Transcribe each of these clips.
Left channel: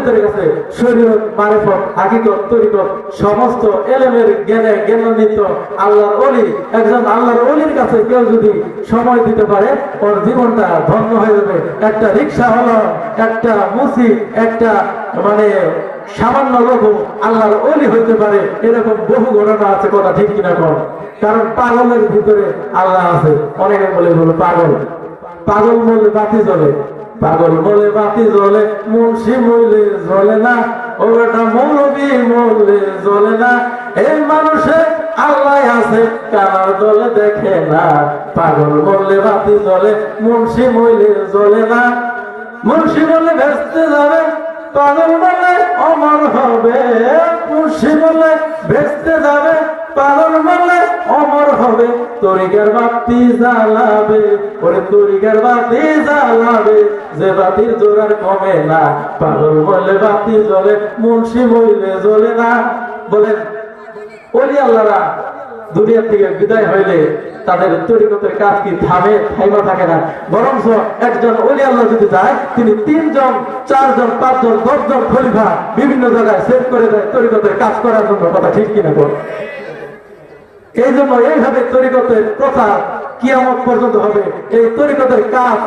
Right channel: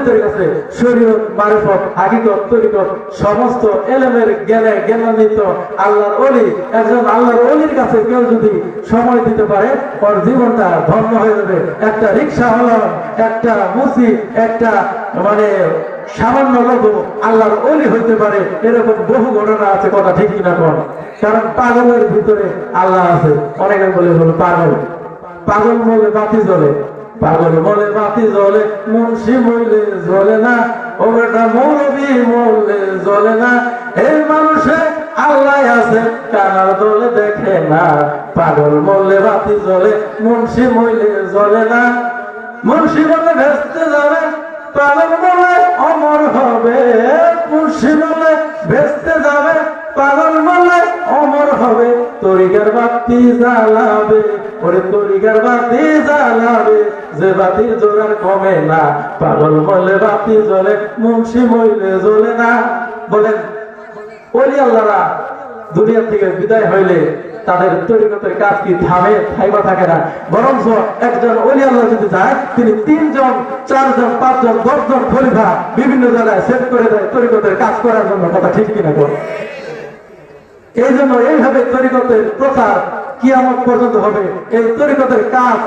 অলিদের কাছে শরীয়ত হাকিকত, তরিকত, সমস্ত জ্ঞানে জ্ঞানান্বিত আল্লাহর অলি একজন আল্লাহর অলির কাছে কেউ যদি সময় দিতে পারে, ওর জীবনটা ধন্য হয়ে যাবে। একটা রিক্সা একটা মুসি, একটা মানে সামান্য লোক আল্লাহর অলি হইতে পারে, এরকম বহু ঘটনা আছে, কথা ঠিক কিনা কোন কারণ পাগলের ভিতরে আল্লাহ আছে। অনেকে বলে বলো পাগল। পাগল বলে বাতি জ্বলে। পাগল বলে বাতি জ্বলে, মুন্সি মইলে জ্বলে না ওটা মৌলবি মরলে জ্বলে না। এই মানুষে আল্লাহ আছে কানার দলে দেখে না? পাগল বললে বাতি জ্বলে, মুন্সি মইলে জ্বলে না। মুন্সি বলে ভেস্তে যাবে, পাগল বলে অমর হবে। মুন্সি বলে ভেস্তে যাবে, পাগল বলে হবে, তরিকার বাতি জ্বালাবে, ওরে তরিকার বাতি জ্বালাবে, যে বাতির জোগাড় কমে না, পাগল বলে বাতি জ্বলে, মুন্সি মইলে জ্বলে না। বলেন, ওলি আল্লাহরা দুনিয়া থেকে বিদায় হইলে তাদের তরিকতের কাজ কি থামে থাইবা থাকে না? বরং একজন অলি আল্লাহ যদি যায়, তিনি তিনজন, চারজন, পাঁচজন, দশজন খলিফা বিভিন্ন জায়গায় সেভ করে দেয় তরিকতের কাজ করার জন্য। কথা ঠিক কিনা বল? এই জন্য এইভাবে তরিকতের প্রচার কিয়ামত পর্যন্ত হবে। এই তরিকতের কাজ,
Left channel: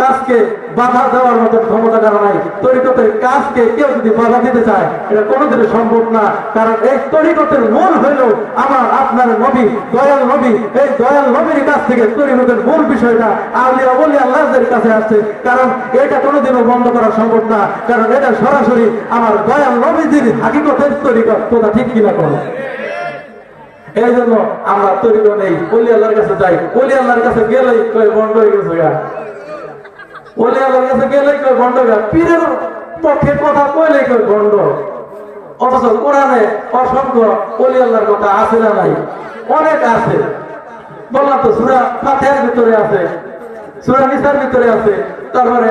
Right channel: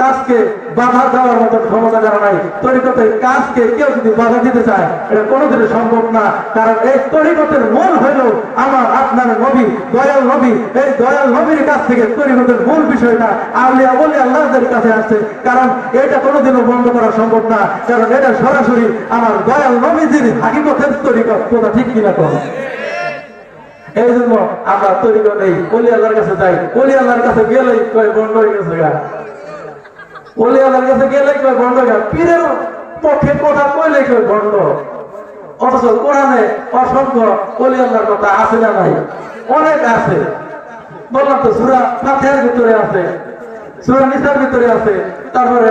কাজকে বাধা দেওয়ার মতো ক্ষমতা কারণ নাই, তরিকতের কাজকে কেউ যদি বাধা দিতে চায়, এটা কোনোদিনই সম্ভব না। কারণ এই তরিকতের মূল হইল আমার, আপনার নবী, দয়াল নবী, এই দয়াল নবীর কাছ থেকে তরিকতের মূল বিষয়টা আউলিয়া বলে আল্লাহদের কাছে আসছে। কারণ এটা কোনোদিনও বন্ধ করা সম্ভব না। কারণ এটা সরাসরি আমার দয়াল নবীজির হাকিকতের তরিকত, কথা ঠিক কিনা করে এই জন্য আমরা তৈরি নেই অলি আল্লাহর কাছে যাই। অলি আল্লাহর কাছে গেলেই কয়, বন্ধ হয়ে গেছে গা। অলি আল্লাহর কাছে গেলেই কয়, বন্ধ হয়ে গা। পীরের পক্ষে কথা কইলেই কয়, বন্ধ। অথচ কোরআনে অসংখ্য অলি আল্লাহর কথা আছে না নাই? অনেক আছে। বললাম তো, সুরা ফাতিহার ভিতরে আছে, সুরা নিসার ভিতরে আছে। তারপরে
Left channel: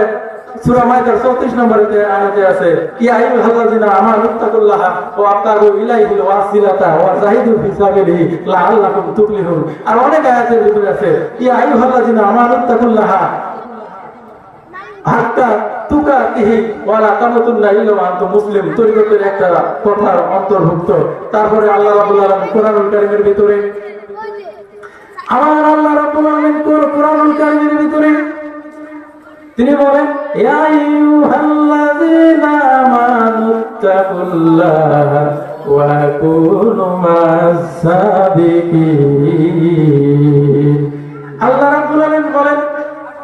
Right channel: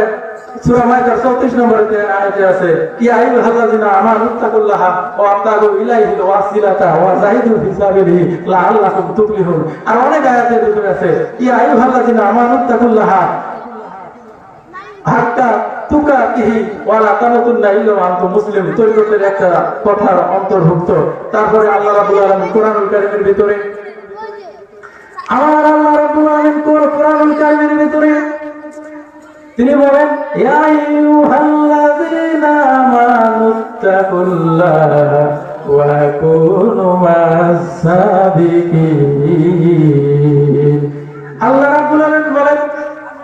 সুরা মাইদার 34 নম্বরে আয়াতে আছে আইয়ুল আমানু তাকুল্লাহ ওয়া আতাগু ইলাইহিল ওয়াসিলাতা ওয়া জাহিদু ফি সাবিলিহি লাআল্লাকুম তুফলিহুন। আর অনেক আয়াতের ভিতরে আছে আইয়ুল আমানু তাকুল্লাহ হাত্তা তুকাতিহি ওয়ালা তামাতুন্না ইল্লা ওয়া আনতুম মুসলিম তরিকতের একটা কথার অন্তর্ভুক্ত। তারপরে আল্লাহ রাব্বুল আলামিন ভিতরে, আমার আল্লাহ ভিতরে? তিনি বলেন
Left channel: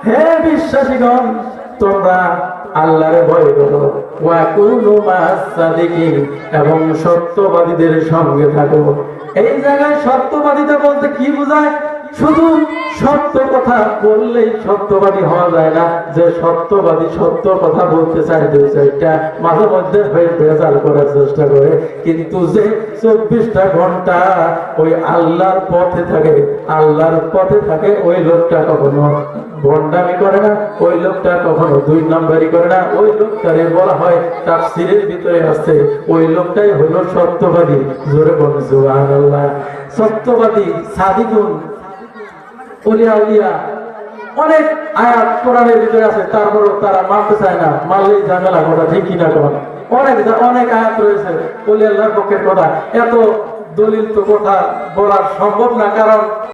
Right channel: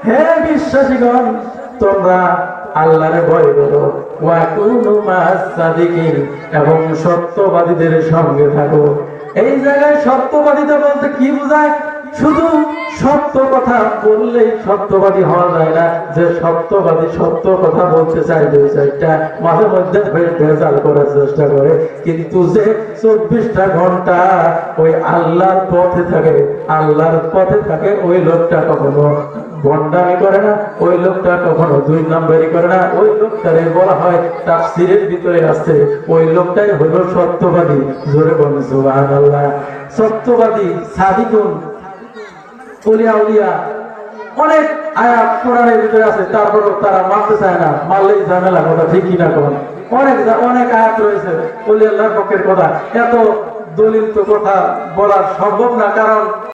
হে বিশ্বাসীগণ, তোমরা আল্লাহরে ভয় করো। এবং সত্যবাদীদের সঙ্গে থাকো। এই জায়গায় সত্যবাদীতা বলতে কি বোঝায়? শুধু সত্য কথা বললেই সত্যবাদী হওয়া যায় না। যে সত্যবাদী সত্য কথা বলতে চাই দুই চারটা মাঝে মধ্যে ভেজাল করার চেষ্টা করে। কিন্তু যে চব্বিশটা ঘণ্টা ওই আল্লাহর পথে থাকে, আল্লাহর পথে থাকে, ওই লোকটা কখনো ভণ্ডামি করে না, ওই লোকটা কখনো দুই নম্বরই করে না। ওই লোকটারে বলা হয় তার সিরের ভিতরে আছে, ওই লোকটাই হলো সত্যবাদী। জোরে বলুন, সুবহানাল্লাহ। সত্যবাদী সাদিকুন উলিয়া উলিয়া অনেক আয়াত কোরআনের ভিতরে আছে, তারপরেও তারা মানতে চায় না, মানলেই ঝামেলা কথা ঠিক কিনা কথা অনেক অনেক আয়াত রয়েছে উলিয়াল্লাহর পক্ষের কথা। এত দলিল তো কথা বলার সম্ভব না, কারণ